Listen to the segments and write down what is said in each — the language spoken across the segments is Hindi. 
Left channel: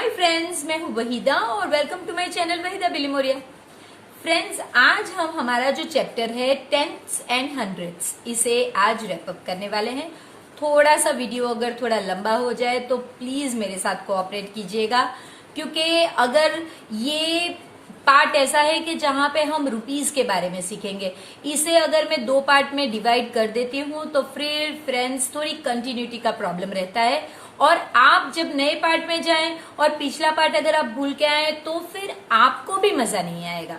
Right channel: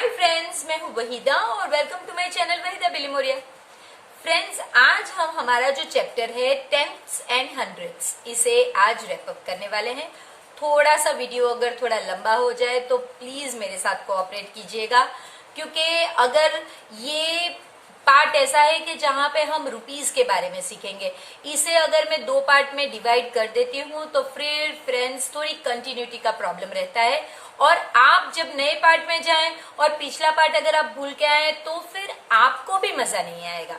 हाय फ्रेंड्स, मैं हूं वहीदा और welcome to my channel Waheeda Bilimoria. Friends, आज हम हमारा जो चैप्टर है टेंथ्स एंड हंड्रेड्स, इसे आज रैप अप करने वाले हैं। थोड़ा सा वीडियो अगर थोड़ा लंबा हो जाए तो प्लीज मेरे साथ कोऑपरेट कीजिएगा, क्योंकि अगर ये पार्ट ऐसा है कि जहां पे हम रुपीस के बारे में सीखेंगे, इसे अगर मैं दो पार्ट में डिवाइड कर देती हूँ तो फिर फ्रेंड्स थोड़ी कंटिन्यूटी का प्रॉब्लम रहता है। और आप जब नए पार्ट में जाएं और पिछला पार्ट अगर आप भूल के आए तो फिर आपको भी मजा नहीं आएगा।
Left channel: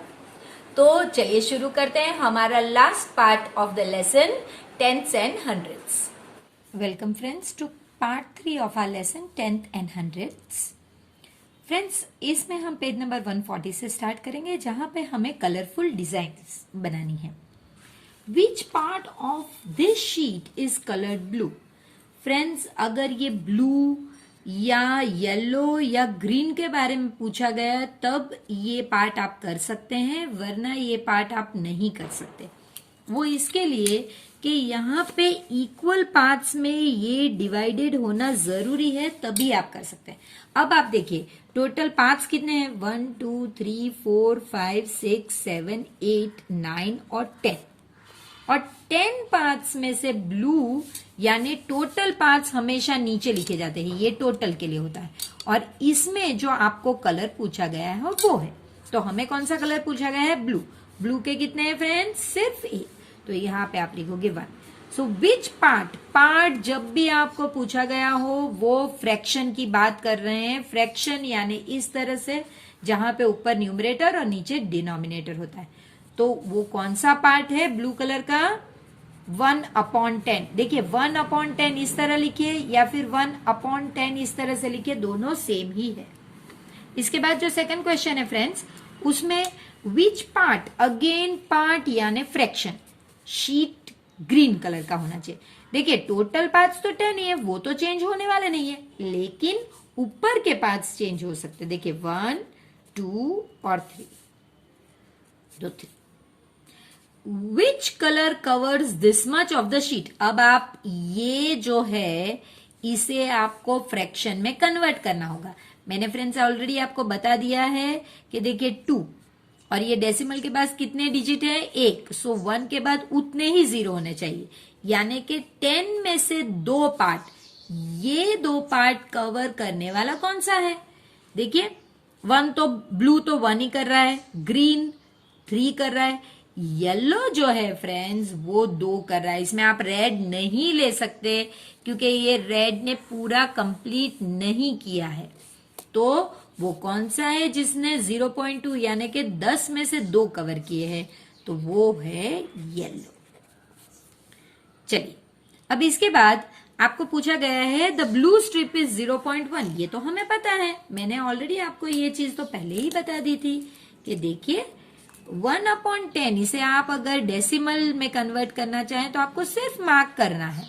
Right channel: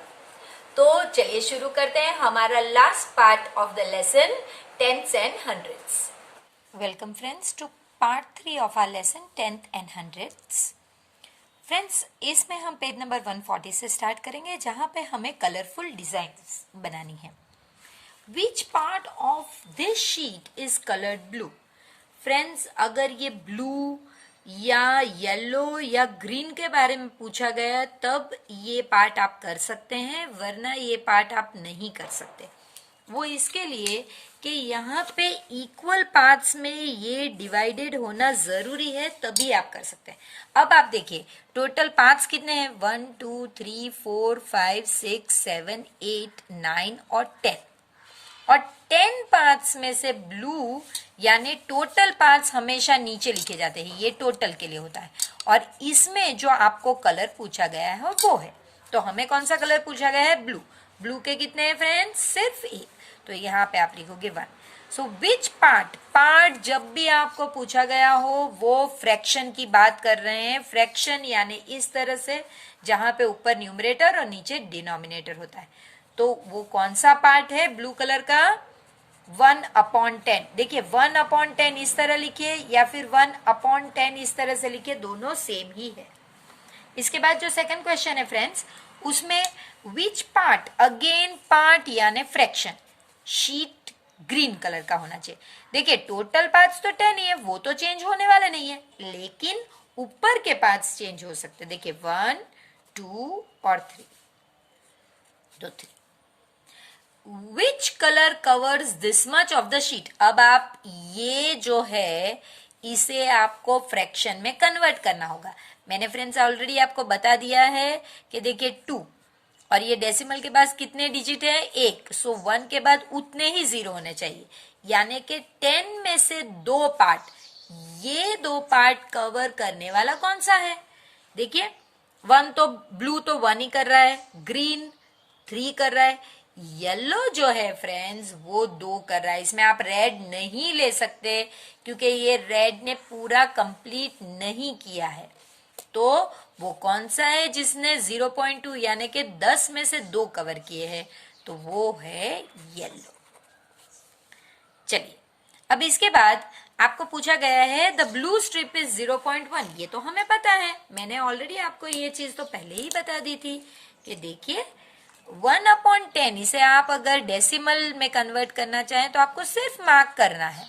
तो चलिए शुरू करते हैं हमारा last part of the lesson tenths and hundreds. Welcome friends to part 3 of our lesson tenth and hundreds. Friends, इसमें हम पेज नंबर 140 से स्टार्ट करेंगे, जहां पे हमें कलरफुल डिजाइन्स बनानी है। Which part of this sheet is coloured blue? Friends, अगर ये ब्लू या येलो या ग्रीन के बारे में पूछा गया तब ये पार्ट आप कर सकते हैं, वरना ये पार्ट आप नहीं कर सकते। वो इसके लिए कि यहाँ पे इक्वल पार्ट्स में ये डिवाइडेड होना जरूरी है, तभी आप कर सकते हैं। अब आप देखिए टोटल पार्ट्स कितने हैं, 1 2 3 4 5 6 7 8 9 और 10। और 10 पार्ट्स में से ब्लू यानी टोटल पार्ट्स हमेशा नीचे लिखे जाते हैं, ये टोटल के लिए होता है। और इसमें जो आपको कलर पूछा गया है वो है, तो हमें कौन सा कलर पूछा गया है? ब्लू। ब्लू के कितने हैं फ्रेंड्स? सिर्फ एक, तो यहाँ पे आप लिखोगे 1। सो विच पार्ट जब भी आपको पूछा गया हो वो फ्रैक्शन की बात कर रहे हैं। फ्रैक्शन यानी इस तरह से जहां पे ऊपर न्यूमरेटर और नीचे डिनोमिनेटर होता है, तो वो कौन सा पार्ट है ब्लू कलर का? 1/10। देखिए 1/10 इस तरह लिखिए या फिर 1/10 इस तरह से लिखिए, दोनों सेम ही है। इसके बाद जो सेकंड क्वेश्चन है फ्रेंड्स, उसमें विच पार्ट, अगेन पार्ट यानी फ्रैक्शन, शीट ग्रीन कलर का होना चाहिए। देखिए टोटल पार्ट्स तो 10 ही है, वो तो चेंज होने वाले नहीं है, लेकिन ऊपर के पार्ट्स चेंज हो सकते। देखिए 1 2 और 3, तो 3। Which colour covers this much of the sheet? अब आप ये जो है इसे आपको फ्रैक्शन में कन्वर्ट करना होगा। मैंने फ्रेंड्स ऑलरेडी आपको बता दिया है कि देखिए 2 और ये डेसिमल के पास कितने डिजिट है? 1। सो 1 के बाद उतने ही 0 होने चाहिए, यानी कि 10 में से 2 पार्ट, ये 2 पार्ट कवर करने वाला कौन सा है? देखिए 1 तो ब्लू तो 1 ही कर रहा है, ग्रीन 3 कर रहा है, येलो जो है फ्रेंड्स वो 2 कर रहा है। इसमें आप रेड नहीं ले सकते क्योंकि ये रेड ने पूरा कंप्लीट नहीं किया है। तो वो कौन सा है जिसने 0.2 यानी कि 10 में से 2 कवर किए हैं? तो वो है येलो। चलिए अब इसके बाद आपको पूछा गया है द ब्लू स्ट्रिप इज 0.1। ये तो हमें पता है, मैंने ऑलरेडी आपको ये चीज तो पहले ही बता दी थी कि देखिए 1/10 इसे आप अगर डेसिमल में कन्वर्ट करना चाहें तो आपको सिर्फ मार्क करना है।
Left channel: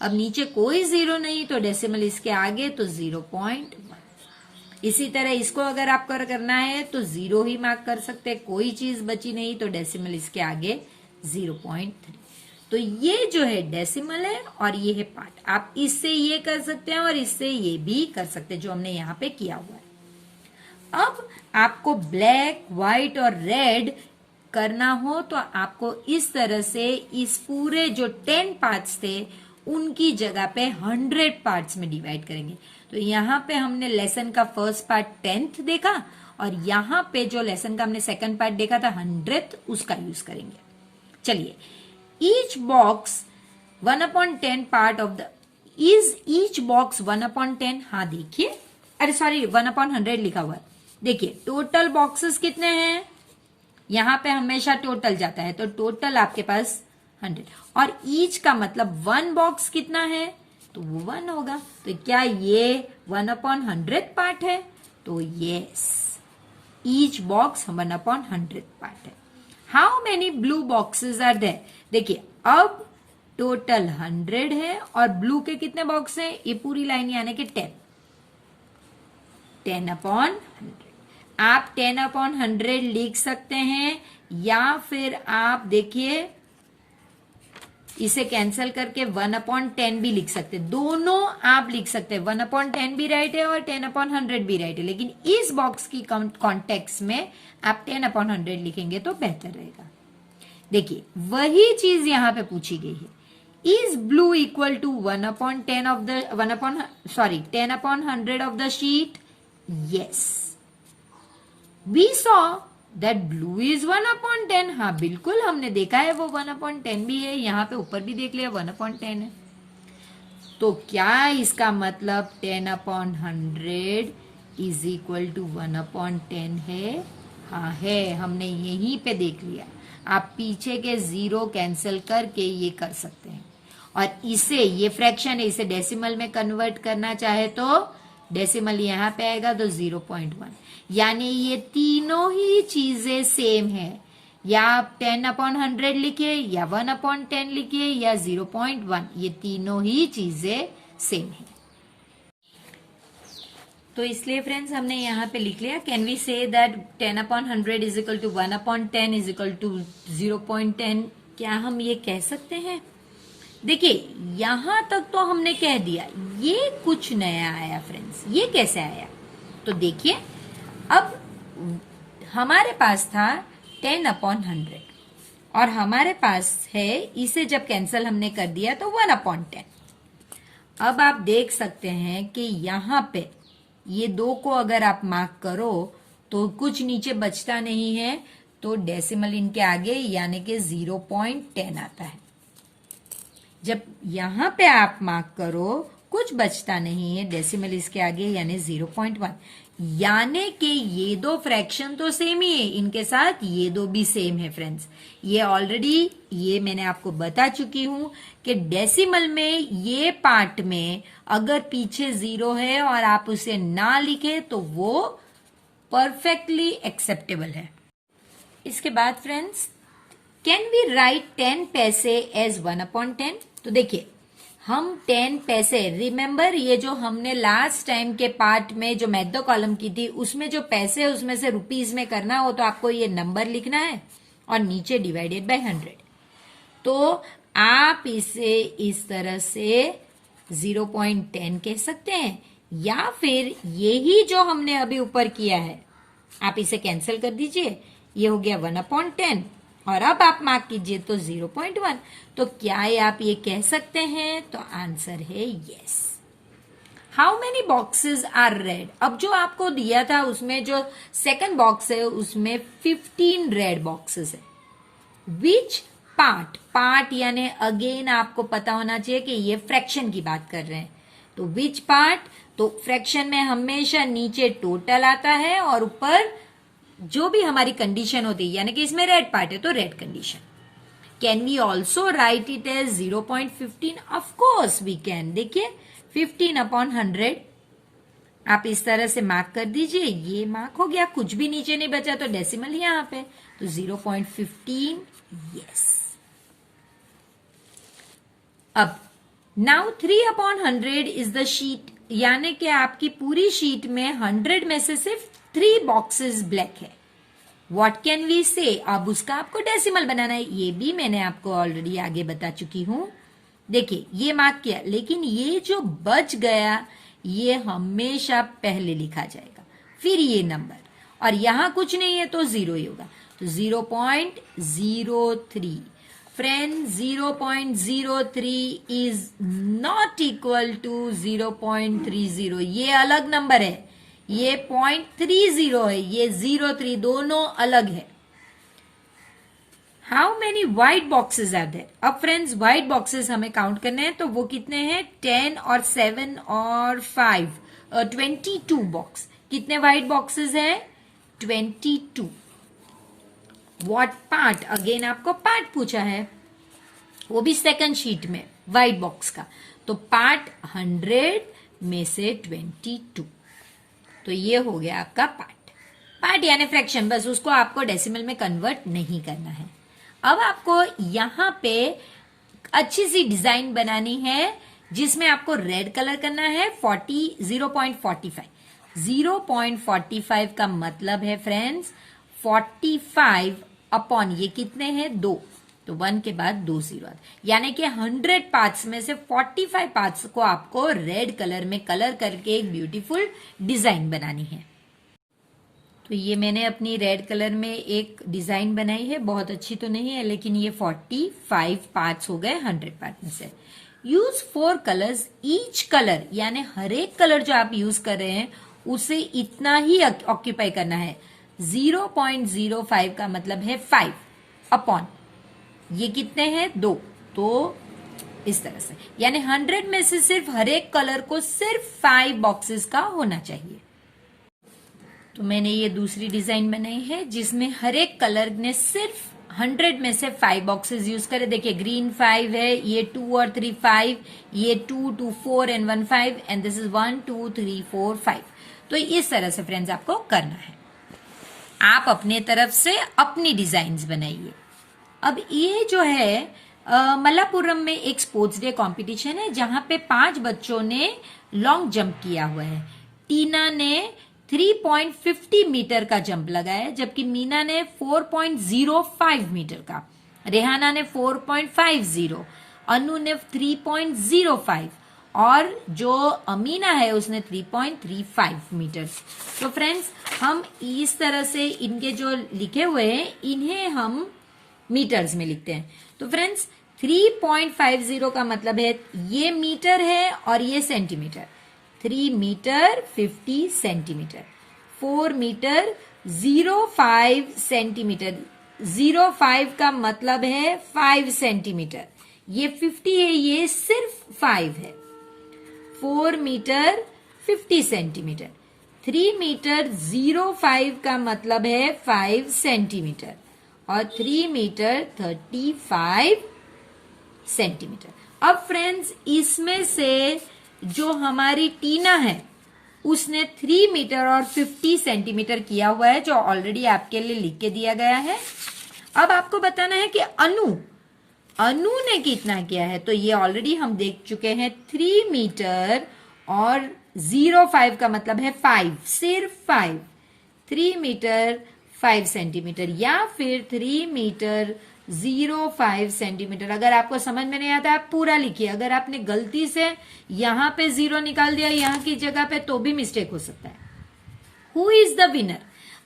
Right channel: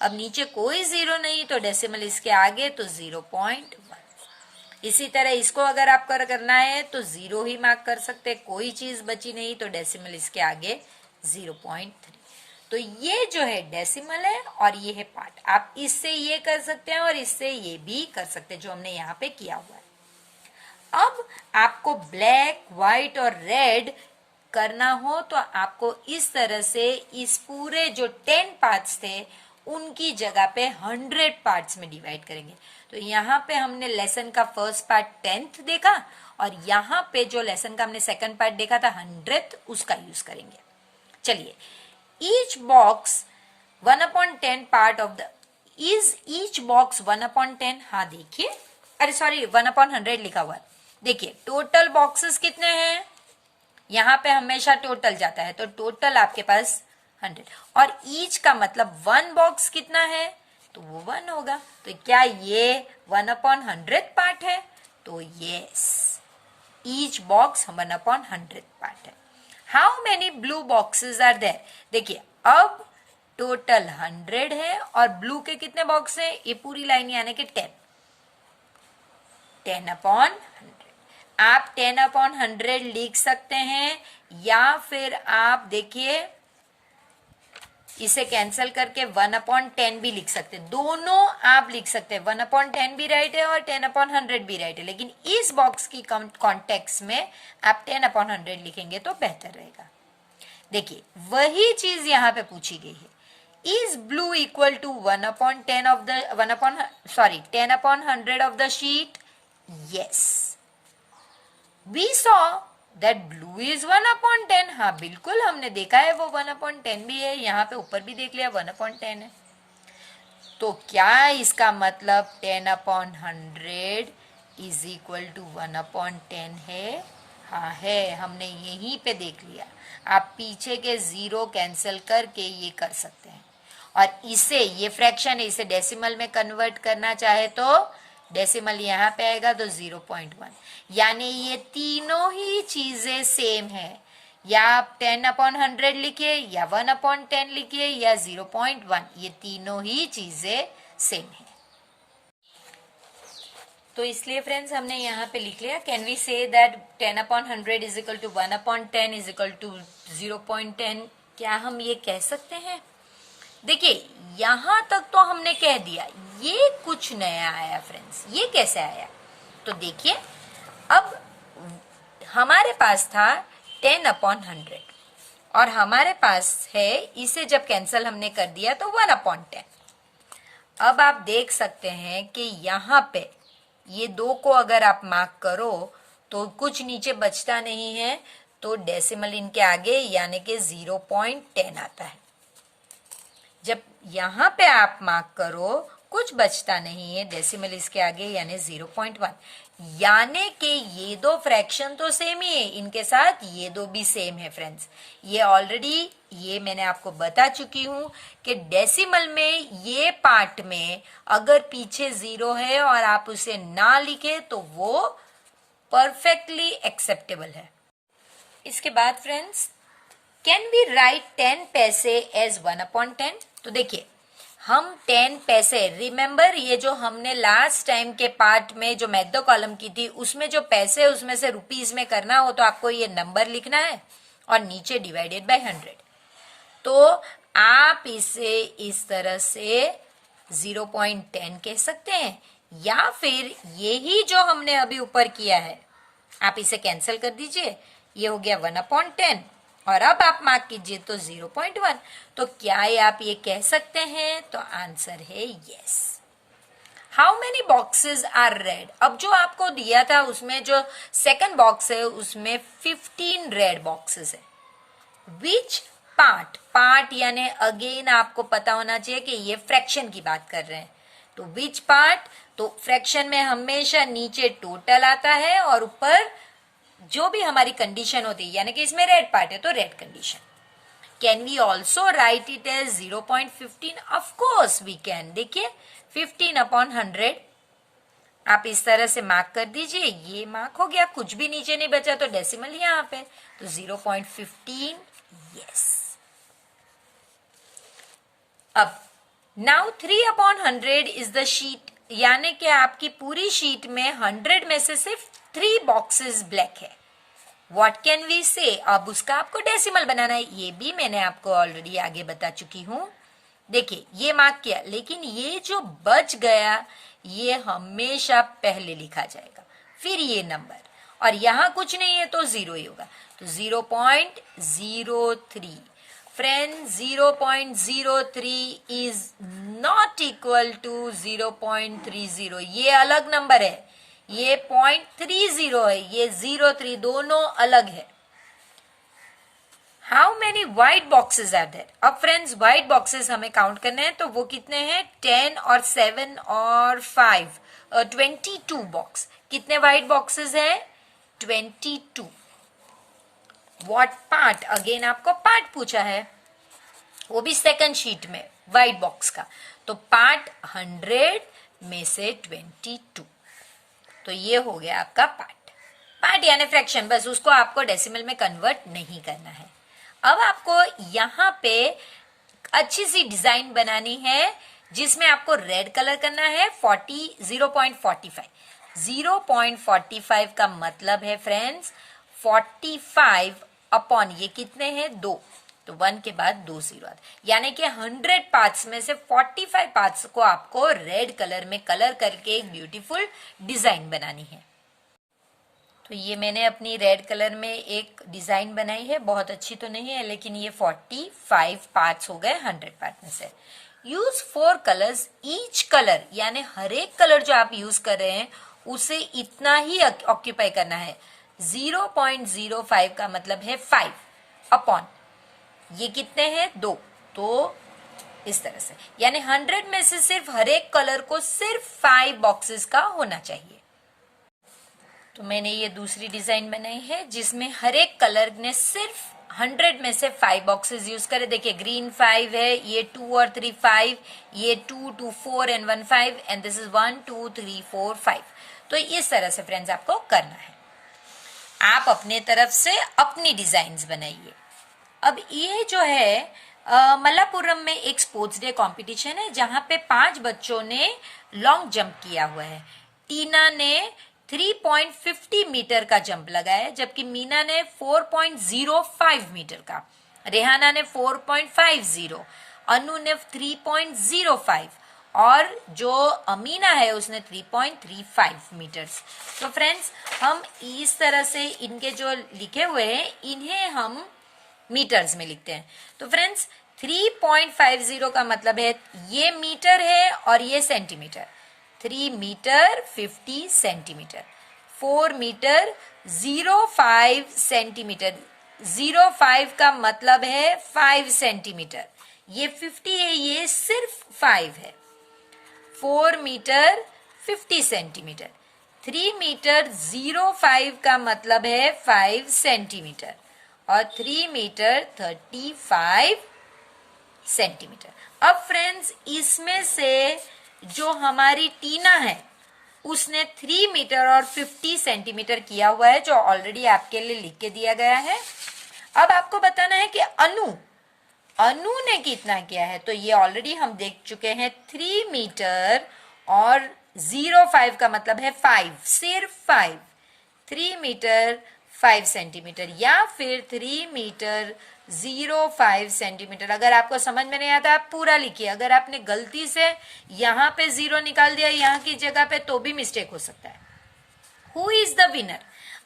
अब नीचे कोई 0 नहीं तो डेसिमल इसके आगे, तो 0.1। इसी तरह इसको अगर आपको करना है तो 0 ही मार्क कर सकते हैं, कोई चीज बची नहीं तो डेसिमल इसके आगे 0.3। तो ये जो है डेसिमल है और ये है पार्ट। आप इससे ये कर सकते हैं और इससे ये भी कर सकते हैं, जो हमने यहाँ पे किया हुआ है। अब आपको ब्लैक, व्हाइट और रेड करना हो तो आपको इस तरह से इस पूरे जो 10 पार्ट्स थे उनकी जगह पे 100 पार्ट्स में डिवाइड करेंगे। तो यहाँ पे हमने लेसन का फर्स्ट पार्ट 10th देखा और यहाँ पे जो लेसन का हमने सेकंड पार्ट देखा था 100th, उसका यूज करेंगे। चलिए, each box 1/10 part of the is each box 1/10। हाँ देखिए, अरे सॉरी 1/100 लिखा हुआ है। देखिए टोटल बॉक्सेस कितने हैं, यहां पे हमेशा टोटल जाता है, तो टोटल आपके पास 100 और ईच का मतलब 1 बॉक्स कितना है, तो वो 1 होगा। तो क्या ये 1/100 पार्ट है? तो यस, ईच बॉक्स 1/100 पार्ट है। How many blue boxes are there? देखिए अब टोटल 100 है और ब्लू के कितने बॉक्स है? ये पूरी लाइन यानी कि 10/100। आप 10/100 लिख सकते हैं, या फिर आप देखिए इसे कैंसिल करके 1/10 भी लिख सकते हैं, दोनों आप लिख सकते हैं। 1/10 भी राइट है और 10/100 भी राइट है, लेकिन इस बॉक्स की कॉन्टेक्स्ट में आप 10/100 लिखेंगे तो बेहतर रहेगा। देखिए वही चीज यहां पे पूछी गई है, is blue equal to 1/10 of the 10/100 of the sheet? Yes, we saw that blue is 1/10। हाँ बिल्कुल, हमने देखा है वो 1/10 भी है, यहाँ पे ऊपर भी देख लिया 1/10 है। तो क्या इसका मतलब 10/100 इज इक्वल टू 1/10 है? हाँ है, हमने यहीं पे देख लिया। आप पीछे के जीरो कैंसिल करके ये कर सकते हैं, और इसे, ये फ्रैक्शन है, इसे डेसिमल में कन्वर्ट करना चाहे तो डेसिमल यहां पे आएगा तो 0.1, यानी ये तीनों ही चीजें सेम है। या आप 10/100 लिखिए, या 1/10 लिखिए, या 0.1, ये तीनों ही चीजें सेम है। तो इसलिए फ्रेंड्स हमने यहाँ पे लिख लिया, can we say that 10/100 is equal to 1/10 is equal to 0.10? क्या हम ये कह सकते हैं? देखिए यहां तक तो हमने कह दिया, ये कुछ नया आया फ्रेंड्स। ये कैसे आया? तो देखिए, अब हमारे पास था 10/100 और हमारे पास है, इसे जब कैंसिल हमने कर दिया तो 1/10। अब आप देख सकते हैं कि यहां पे ये दो को अगर आप मार्क करो तो कुछ नीचे बचता नहीं है, तो डेसिमल इनके आगे यानी कि 0.10 आता है। जब यहां पे आप मार्क करो कुछ बचता नहीं है, डेसिमल इसके आगे यानी 0.1, यानी कि ये दो फ्रैक्शन तो सेम ही है, इनके साथ ये दो भी सेम है फ्रेंड्स। ये ऑलरेडी, ये मैंने आपको बता चुकी हूं कि डेसिमल में ये पार्ट में अगर पीछे 0 है और आप उसे ना लिखे तो वो परफेक्टली एक्सेप्टेबल है। इसके बाद फ्रेंड्स, कैन वी राइट 10 पैसे एज 1/10? तो देखिए, हम 10 पैसे, रिमेंबर ये जो हमने लास्ट टाइम के पार्ट में जो मैथ द कॉलम की थी, उसमें जो पैसे उसमें से रुपीज में करना हो तो आपको ये नंबर लिखना है और नीचे डिवाइडेड बाय 100। तो आप इसे इस तरह से 0.10 कह सकते हैं, या फिर यही जो हमने अभी ऊपर किया है आप इसे कैंसिल कर दीजिए, ये हो गया 1/10 और अब आप मार्क कीजिए तो 0.1। तो क्या आप ये कह सकते हैं? तो आंसर है yes. How many boxes are red? अब जो आपको दिया था उसमें जो सेकंड बॉक्स है उसमें 15 रेड बॉक्सेस है। विच पार्ट यानी अगेन आपको पता होना चाहिए कि ये फ्रैक्शन की बात कर रहे हैं, तो विच पार्ट? तो फ्रैक्शन में हमेशा नीचे टोटल आता है और ऊपर जो भी हमारी कंडीशन होती है, यानी कि इसमें रेड पार्ट है तो red condition. Can we also write it as 0.15? Of course we can. देखिए 15/100 आप इस तरह से मार्क कर दीजिए, ये मार्क हो गया, कुछ भी नीचे नहीं बचा तो डेसिमल यहां पे, तो 0.15 यस। अब नाउ 3/100 इज द शीट, यानी कि आपकी पूरी शीट में 100 में से सिर्फ 3 बॉक्सेस ब्लैक है। व्हाट कैन वी से? अब उसका आपको डेसिमल बनाना है, ये भी मैंने आपको ऑलरेडी आगे बता चुकी हूं। देखिए ये मार्क किया, लेकिन ये जो बच गया ये हमेशा पहले लिखा जाएगा, फिर ये नंबर, और यहां कुछ नहीं है तो 0 ही होगा, तो 0.03। Friend 0.03 is not equal to 0.30, ये अलग नंबर है, ये 0.30 है, ये 03, दोनों अलग है। How many white boxes are there? अब फ्रेंड्स व्हाइट बॉक्सेस हमें काउंट करने हैं, तो वो कितने हैं? 10 और 7 और 5 22 बॉक्स। कितने व्हाइट बॉक्सेस हैं? 22। What part? अगेन आपको पार्ट पूछा है, वो भी सेकंड शीट में व्हाइट बॉक्स का, तो पार्ट 100 में से 22, तो ये हो गया आपका पार्ट यानी फ्रैक्शन, बस उसको आपको डेसिमल में कन्वर्ट नहीं करना है। अब आपको यहां पे अच्छी सी डिजाइन बनानी है जिसमें आपको रेड कलर करना है। 0.45 0.45 का मतलब है फ्रेंड्स 45 अपॉन, ये कितने हैं? 2, तो 1 के बाद 2 जीरो आते, यानी कि 100 पार्ट्स में से 45 पार्ट्स को आपको रेड कलर में कलर करके एक ब्यूटीफुल डिजाइन बनानी है। तो ये मैंने अपनी रेड कलर में एक डिजाइन बनाई है, बहुत अच्छी तो नहीं है लेकिन ये 45 पार्ट्स हो गए 100 पार्ट में से। यूज 4 कलर्स ईच कलर, यानी हर एक कलर जो आप यूज कर रहे हैं उसे इतना ही ऑक्यूपाई करना है। 0.05 का मतलब है 5 अपॉन ये कितने हैं 2, तो इस तरह से, यानी 100 में से सिर्फ हर एक कलर को सिर्फ 5 बॉक्सेस का होना चाहिए। तो मैंने ये दूसरी डिजाइन बनाई है जिसमें हर एक कलर ने सिर्फ 100 में से 5 बॉक्सेस यूज करे। देखिए ग्रीन 5 है, ये 2 और 3 5, ये 2 2 4 एंड 1 5 एंड दिस इज 1 2 3 4 5। तो इस तरह से फ्रेंड्स आपको करना है। आप अपने तरफ से अपनी डिजाइन्स बनाइए। अब ये जो है मल्लापुरम में एक स्पोर्ट्स डे कंपटीशन है जहां पे 5 बच्चों ने लॉन्ग जंप किया हुआ है। टीना ने 3.50 मीटर का जंप लगाया, जबकि मीना ने 4.05 मीटर का, रेहाना ने 4.50, अनु ने 3.05 और जो अमीना है उसने 3.35 मीटर। तो फ्रेंड्स हम इस तरह से इनके जो लिखे हुए हैं इन्हें हम मीटर्स में लिखते हैं। तो फ्रेंड्स 3.50 का मतलब है ये मीटर है और ये centimetre. 3 metre 50 centimetre, 4 metre 0.5 centimetre, 0.5 का मतलब है 5 सेंटीमीटर, ये 50 है, ये सिर्फ 5 है। 4 मीटर 50 सेंटीमीटर, 3 मीटर 0.5 का मतलब है 5 सेंटीमीटर और 3 मीटर 35 सेंटीमीटर। अब फ्रेंड्स इसमें से जो हमारी टीना है उसने 3 मीटर और 50 सेंटीमीटर किया हुआ है, जो ऑलरेडी आपके लिए लिख के दिया गया है। अब आपको बताना है कि अनु ने कितना किया है। तो ये ऑलरेडी हम देख चुके हैं, 3 मीटर और 0.5 का मतलब है 5, सिर्फ 5, 3 मीटर 5 सेंटीमीटर या फिर 3 मीटर 0.5 सेंटीमीटर। अगर आपको समझ में नहीं आता आप पूरा लिखिए। अगर आपने गलती से यहां पे 0 निकाल दिया यहां की जगह पे तो भी मिस्टेक हो सकता है। Who is the winner?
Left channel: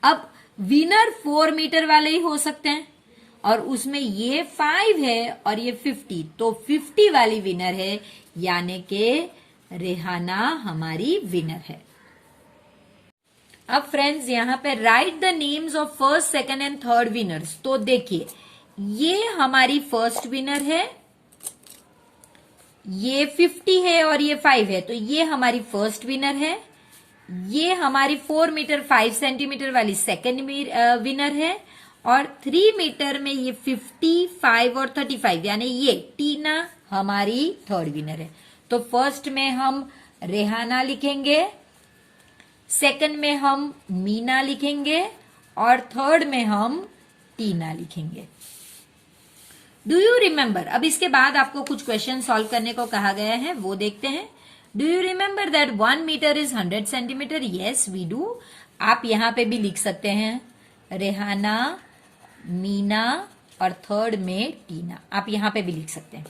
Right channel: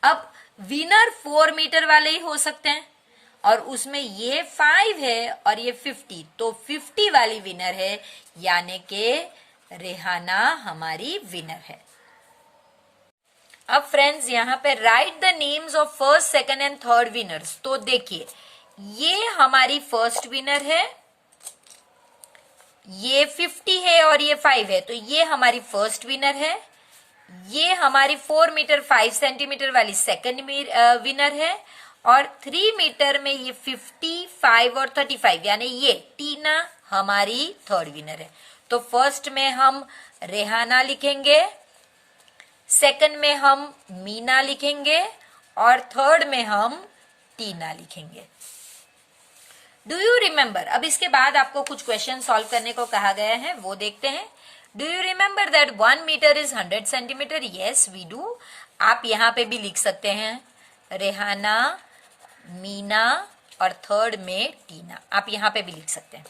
अब विनर 4 मीटर वाले ही हो सकते हैं और उसमें ये 5 है और ये 50, तो 50 वाली विनर है, यानी कि रेहाना हमारी विनर है। अब फ्रेंड्स यहां पे right the names of first, second and third winners. तो देखिए ये हमारी फर्स्ट विनर है, ये 50 है और ये 5 है, तो ये हमारी फर्स्ट विनर है। ये हमारी 4 मीटर 5 सेंटीमीटर वाली सेकंड विनर है और 3 मीटर में ये 55 और 35, यानी ये टीना हमारी थर्ड विनर है। तो फर्स्ट में हम रेहाना लिखेंगे, सेकंड में हम मीना लिखेंगे और थर्ड में हम टीना लिखेंगे। Do you remember? अब इसके बाद आपको कुछ क्वेश्चन सॉल्व करने को कहा गया है, वो देखते हैं। Do you remember that 1 metre is 100 centimetre? Yes we do. आप यहां पे भी लिख सकते हैं रेहाना, मीना और थर्ड में टीना, आप यहां पे भी लिख सकते हैं।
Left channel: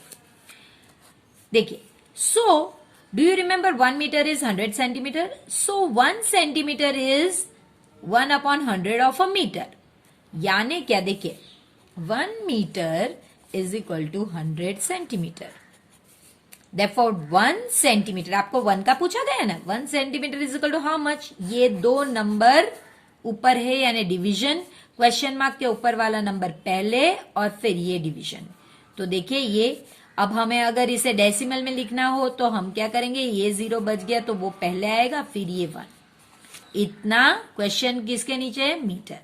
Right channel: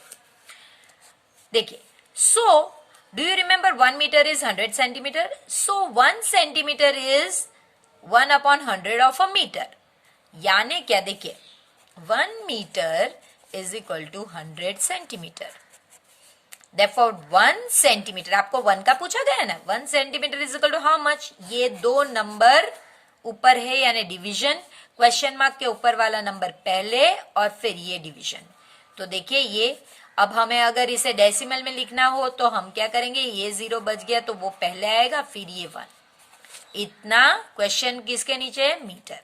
देखिए, so do you remember 1 metre is 100 centimetre? So 1 centimetre is 1 upon 100 of a metre, यानी क्या? देखिए 1 metre is equal to 100 centimetre. Therefore 1 centimetre, आपको 1 का पूछा गया ना, 1 centimetre is equal to how much? ये 2 नंबर ऊपर है यानी डिवीजन, क्वेश्चन मार्क के ऊपर वाला नंबर पहले और फिर ये डिवीजन। तो देखिए ये, अब हमें अगर इसे डेसिमल में लिखना हो तो हम क्या करेंगे, ये 0 बच गया तो वो पहले आएगा, फिर ये 1। इतना क्वेश्चन किसके नीचे है? मीटर।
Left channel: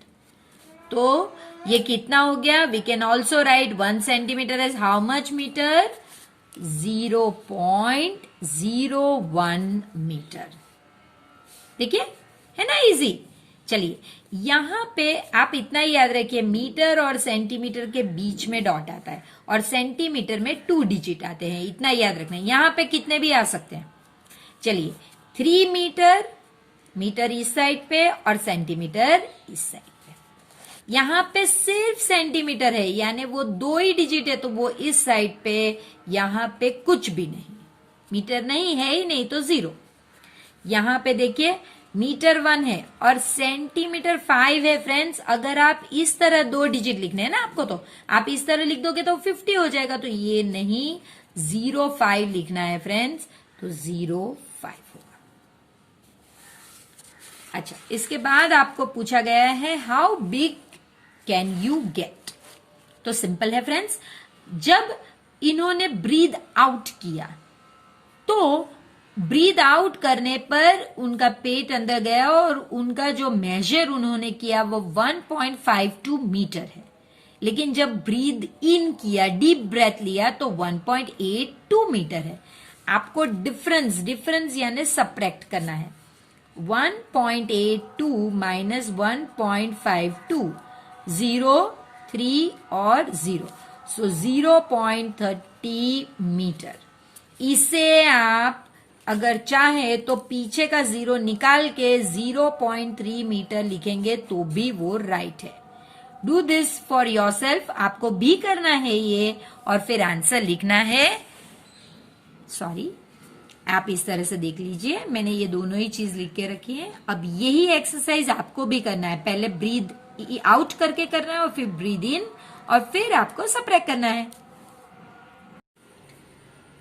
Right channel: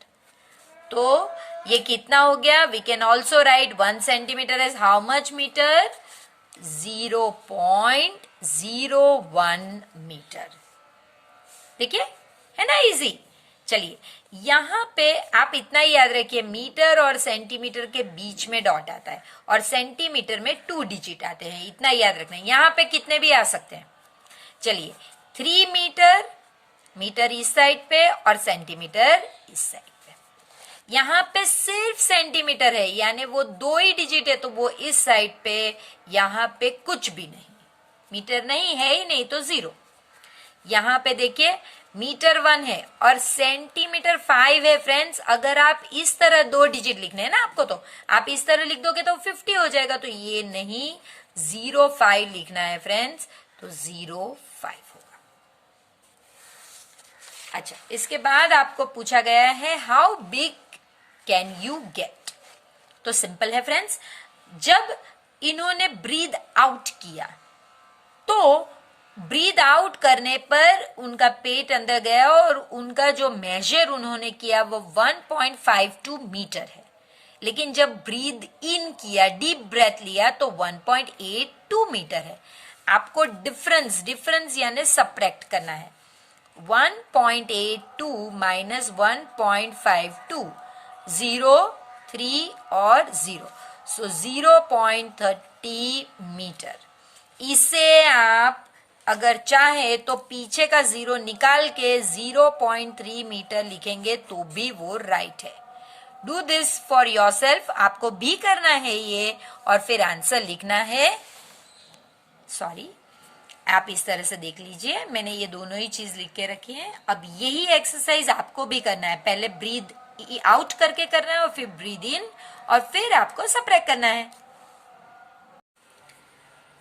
तो ये कितना हो गया? We can also write 1 centimetre as how much metre? 0.01 metre. देखिए है ना इजी। चलिए यहां पे आप इतना ही याद रखिए, मीटर और सेंटीमीटर के बीच में डॉट आता है और सेंटीमीटर में 2 डिजिट आते हैं, इतना याद रखना है। यहां पे कितने भी आ सकते हैं। चलिए 3 मीटर, मीटर इस साइड पे और सेंटीमीटर इस साइड पे। यहाँ पे सिर्फ सेंटीमीटर है, यानी वो 2 ही डिजिट है, तो वो इस साइड पे, यहाँ पे कुछ भी नहीं, मीटर नहीं है ही नहीं, तो 0। यहाँ पे देखिए मीटर 1 है और सेंटीमीटर 5 है। फ्रेंड्स, अगर आप इस तरह 2 डिजिट लिखने हैं ना आपको, तो आप इस तरह लिख दोगे तो 50 हो जाएगा, तो ये नहीं, 05 लिखना है फ्रेंड्स, तो 05 होगा। अच्छा, इसके बाद आपको पूछा गया है how big can you gate. तो सिंपल है फ्रेंड्स, जब इन्होंने ब्रीद आउट किया तो ब्रीद आउट करने पर उनका पेट अंदर गया और उनका जो मेजर उन्होंने किया वो 1.52 मीटर है। लेकिन जब ब्रीद इन किया, डीप ब्रेथ लिया, तो 1.82 मीटर है। आपको डिफरेंस यानी सब्ट्रैक्ट करना है। 1.82 माइनस 1.52, 0, 3 और 0, सो 0.30 मीटर। इसे आप अगर चाहे तो पीछे का 0 निकाल के 0.3 मीटर लिखेंगे तो भी वो राइट है। डू दिस फॉर योरसेल्फ, आपको भी करना है ये, और फिर आंसर लिखना है। सॉरी, आप इस तरह से देख लीजिए, मैंने ये दोनों ही चीज लिख के रखी है। अब यही एक्सरसाइज आपको भी करना है, पहले ब्रीद आउट करके करना है और फिर ब्रीद इन, और फिर आपको सब्ट्रैक्ट करना है।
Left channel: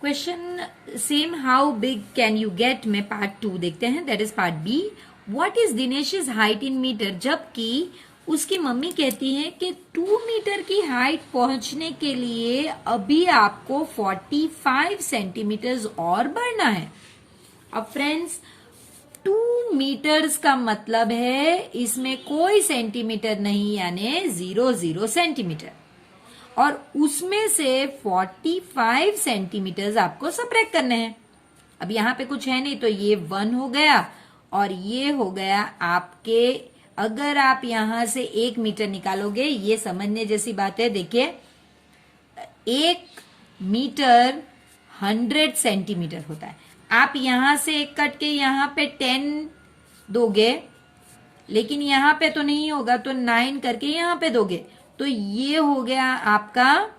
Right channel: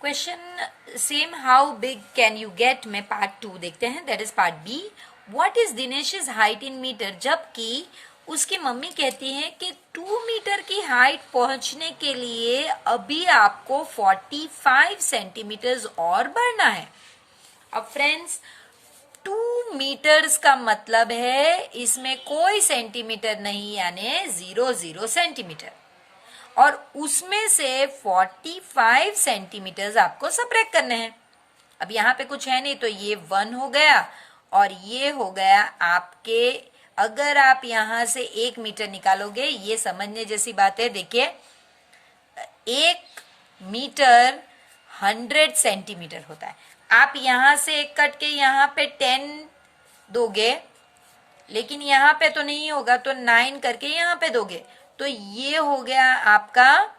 Question same, how big can you get में पार्ट 2 देखते हैं, that is part B. What is Dinesh's height in meter, जबकि उसकी मम्मी कहती है कि 2 मीटर की हाइट पहुंचने के लिए अभी आपको 45 सेंटीमीटर्स और बढ़ना है। अब फ्रेंड्स, 2 मीटर्स का मतलब है इसमें कोई सेंटीमीटर नहीं, यानी 0 सेंटीमीटर, और उसमें से 45 सेंटीमीटर आपको सब्ट्रैक्ट करने हैं। अब यहाँ पे कुछ है नहीं, तो ये 1 हो गया और ये हो गया आपके, अगर आप यहां से 1 मीटर निकालोगे, ये समझने जैसी बात है। देखिए 1 मीटर 100 सेंटीमीटर होता है। आप यहां से एक कट के यहाँ पे 10 दोगे, लेकिन यहाँ पे तो नहीं होगा, तो 9 करके यहाँ पे दोगे, तो ये हो गया आपका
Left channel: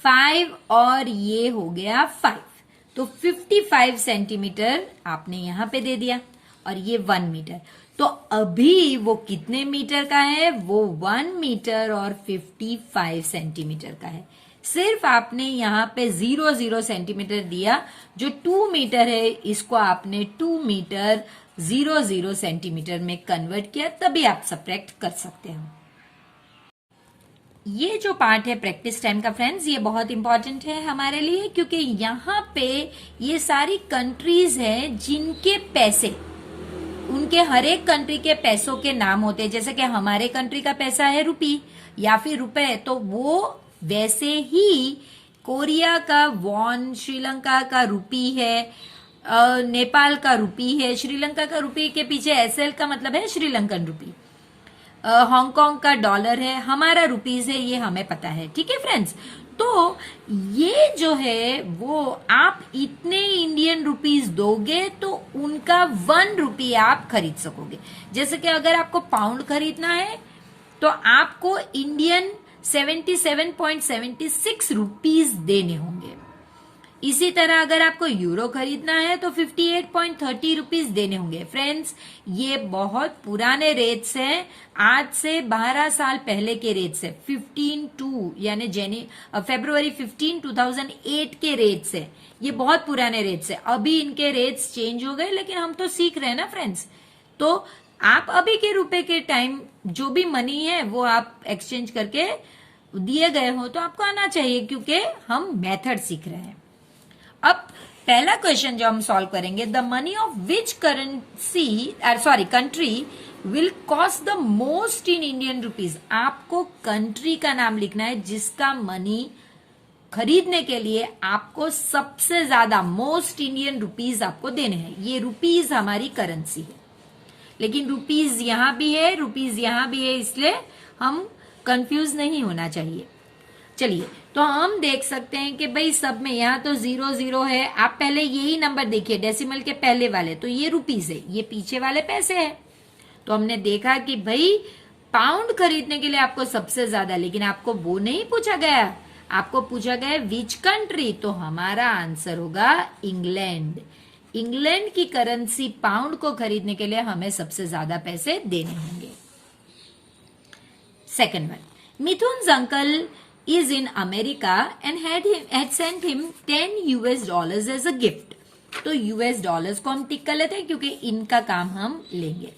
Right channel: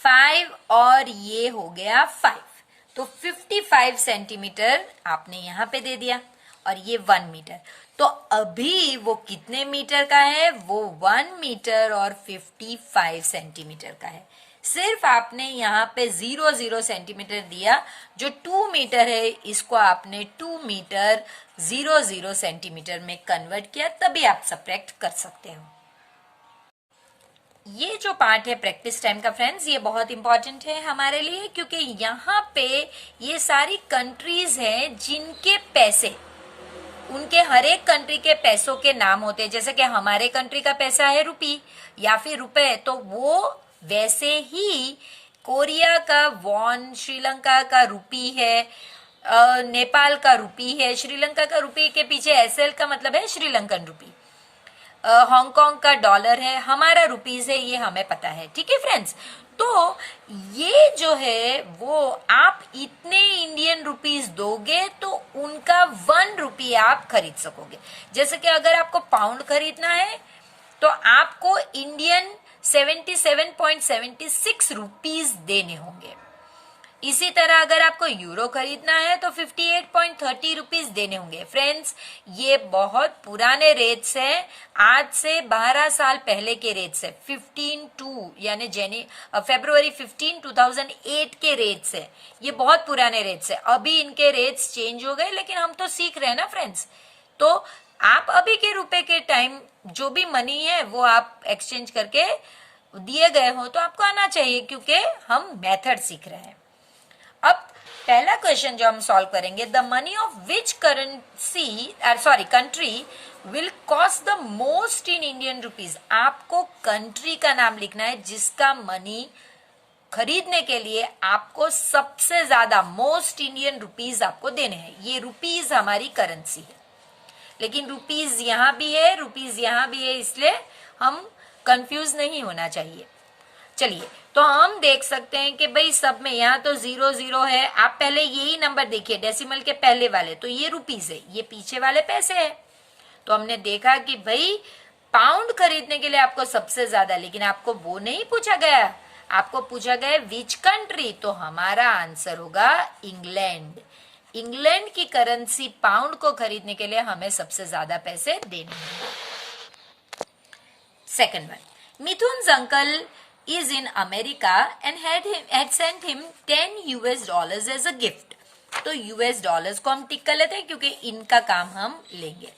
5 और ये हो गया 5, तो 55 सेंटीमीटर आपने यहां पे दे दिया, और ये 1 मीटर। तो अभी वो कितने मीटर का है, वो 1 मीटर और 55 सेंटीमीटर का है। सिर्फ आपने यहाँ पे 0 सेंटीमीटर दिया, जो 2 मीटर है इसको आपने 2 मीटर 0 सेंटीमीटर में कन्वर्ट किया, तभी आप सब्ट्रैक्ट कर सकते हो। ये जो पार्ट है प्रैक्टिस टाइम का फ्रेंड्स, ये बहुत इंपॉर्टेंट है हमारे लिए, क्योंकि यहाँ पे ये सारी कंट्रीज हैं जिनके पैसे, उनके हर एक कंट्री के पैसों के नाम होते हैं। जैसे कि हमारे कंट्री का पैसा है रुपी या फिर रुपए, तो वो वैसे ही कोरिया का वॉन, श्रीलंका का रुपी है, नेपाल का रुपी है, श्रीलंका का रुपी के पीछे एसएल का मतलब है श्रीलंकन रुपी, हांगकांग का डॉलर है, हमारा रुपीज है, ये हमें पता है। ठीक है फ्रेंड्स, तो ये जो है वो आप इतने इंडियन रुपीज दोगे तो उनका 1 रुपी आप खरीद सकोगे। जैसे कि अगर आपको पाउंड खरीदना है तो आपको इंडियन 77.76 रुपीज देने होंगे। इसी तरह अगर आपको यूरो खरीदना है तो 58.30 रुपीज देने होंगे। फ्रेंड्स, ये बहुत पुराने रेट्स हैं, आज से 12 साल पहले के रेट्स है। 15 यानी फरवरी 15, 2008 के रेट्स है। ये बहुत पुराने रेट्स है, अभी इनके रेट्स चेंज हो गए, लेकिन हम तो सीख रहे हैं ना फ्रेंड्स। तो आप अभी के रुपए के टाइम जो भी मनी है वो आप एक्सचेंज करके दिए गए हो तो आपको आना चाहिए, क्योंकि हम मेथड सीख रहे हैं। अब पहला क्वेश्चन जो हम सॉल्व करेंगे, the money of which country will cost the most in Indian rupees. आपको कंट्री का नाम लिखना है जिसका मनी खरीदने के लिए आपको सबसे ज्यादा मोस्ट इंडियन रुपीज आपको देने हैं। ये रुपीज हमारी करेंसी है, लेकिन रुपीज यहां भी है, रुपीज यहां भी है, इसलिए हम कंफ्यूज नहीं होना चाहिए। चलिए, तो हम देख सकते हैं कि भाई सब में यहाँ तो 0 है। आप पहले यही नंबर देखिए, डेसिमल के पहले वाले, तो ये रुपीज है, ये पीछे वाले पैसे है। तो हमने देखा कि भाई पाउंड खरीदने के लिए आपको सबसे ज्यादा, लेकिन आपको वो नहीं पूछा गया, आपको पूछा गया विच कंट्री, तो हमारा आंसर होगा इंग्लैंड। इंग्लैंड की करेंसी पाउंड को खरीदने के लिए हमें सबसे ज्यादा पैसे देने होंगे। Second one, Mithun's uncle is in America and had sent him $10 as a gift। तो US डॉलर्स को हम टिक कर लेते हैं क्योंकि इनका काम हम लेंगे।